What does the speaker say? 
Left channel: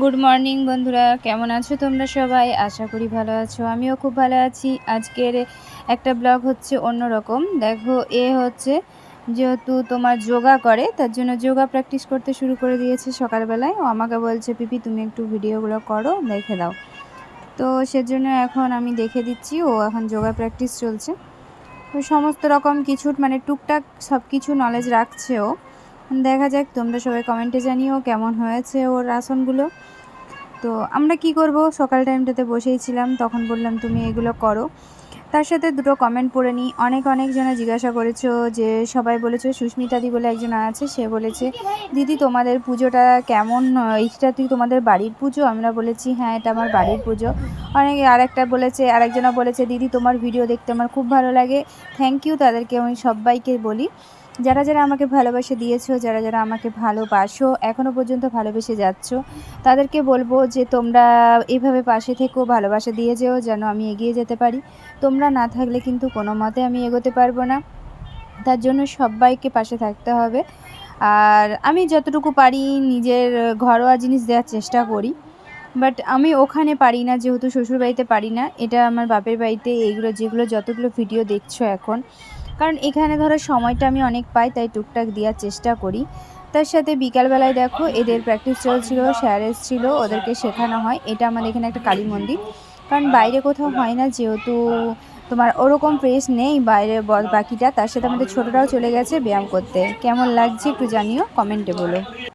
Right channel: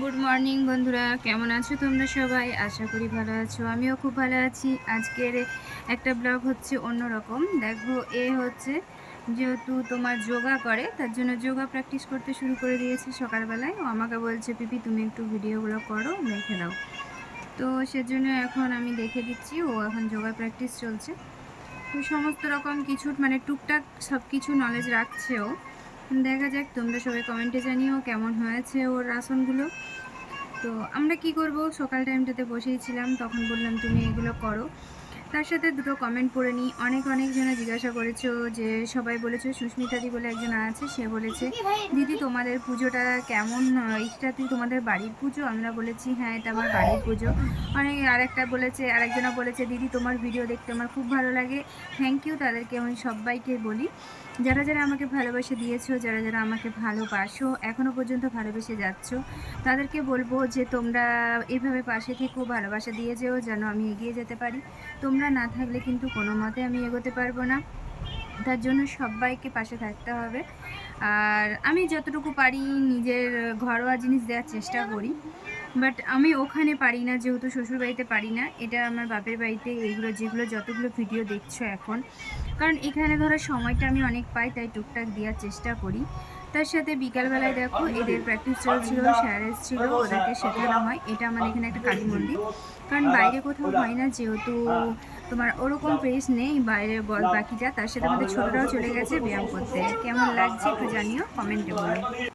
Good morning বন্ধুরা, কেমন আছো তোমরা সবাই? আশা করি ভালো আছো। আমিও খুব ভালো আছি। আজকের একটা ব্লগ হচ্ছে অন্যরকম। দেখো, হচ্ছে যেহেতু তোমার যোগা করে, তার জন্য যোগা প্র্যাকটিস করতে শুরু করে দিয়েছে সকালবেলায়। ও আমাকে বলছে, পিপি তুমি একটু ভিডিওগুলো করো, দেখে দাও। তো সেজন্য এখন আমি দেখে দিচ্ছি। ও এখন যোগা প্র্যাকটিস চলছে। তো সমস্ত রকম কিছু মানে টুকটাক সব কিছু নলেজ রাখছে ও। দেখা যাক, তোমরা সবাই কমেন্টে জানিও কেমন হয়েছে ওর আসনগুলো। তো আমরা কি করব, সকাল টাইমটাতে বসেই ছিলাম, তখন বললাম তুমি এগুলো করো। তার সাথে দুটো কমেন্ট পড়ে নিই। অনেক জনে জিজ্ঞাসা করেছো, যে সবাই বলেছো, সুস্মিতাদি বলে একজন আছে, সে বলেছে দিদি তোমাদের পুজোটা কেমন, এইটা তুই তোমাদের বাড়ির পুজো? আমরা বলেছি হ্যাঁ, এটা আমার বাড়ির পুজো। আরেকজনা বলেছে দিদি তোমার ভিডিও দেখতে আমার খুব ভালো লাগে। থ্যাংক ইউ তাদেরকে, আমি সবাইকে বলি যারা যারা আমাকে ভালোবাসা দিয়েছো, যারা যারা আমাকে ভালোবাসো, এখনও পর্যন্ত ভালোবেসে যাচ্ছ, তাদেরকে বলবো যে তোমরা এভাবে পাশে থেকো, ভালোবাসা দিয়ে যেও, যেন আমি এগিয়ে যেতে পারি। তোমরা না থাকলে কিন্তু কোনো মতে আমি এগোতে পারবো না। তার জন্য সবাইকে পাশে থাকতে হবে। আর আমি যতটুকু পারি নিজের ঘরোয়া জিনিস দেওয়ার চেষ্টা করি, বাট আমি ওখানে পারি না, যেহেতু শ্বশুরবাড়িতে পারি না। এটা আমার বাপের বাড়িতে এইগুলো যেগুলো যতগুলো ভিডিও দেখছো এখন, কারণ এখানে ধরো সময়টা আমি অনেক পাই, তাই টুকটাক দেওয়ার চেষ্টা করি। তার সাথে বিকালবেলায় দেখো এদের প্র্যাকটিস চলছিল, স্যার এসেছিলো, ওদেরকে শেখানো হয়। এটা আমাদের এখানে একটা কালী মন্দির, কারণ বাইরে কোথাও হয় না, যেহেতু তোমার ওরকম প্রেস নেই বাইরে বাকিটা। তার সাথে আমাদের ছোটরাও চলে গেছে ব্যায়াম করতে। কেমন লাগছে একটু জানিও, কমেন্টে বলো।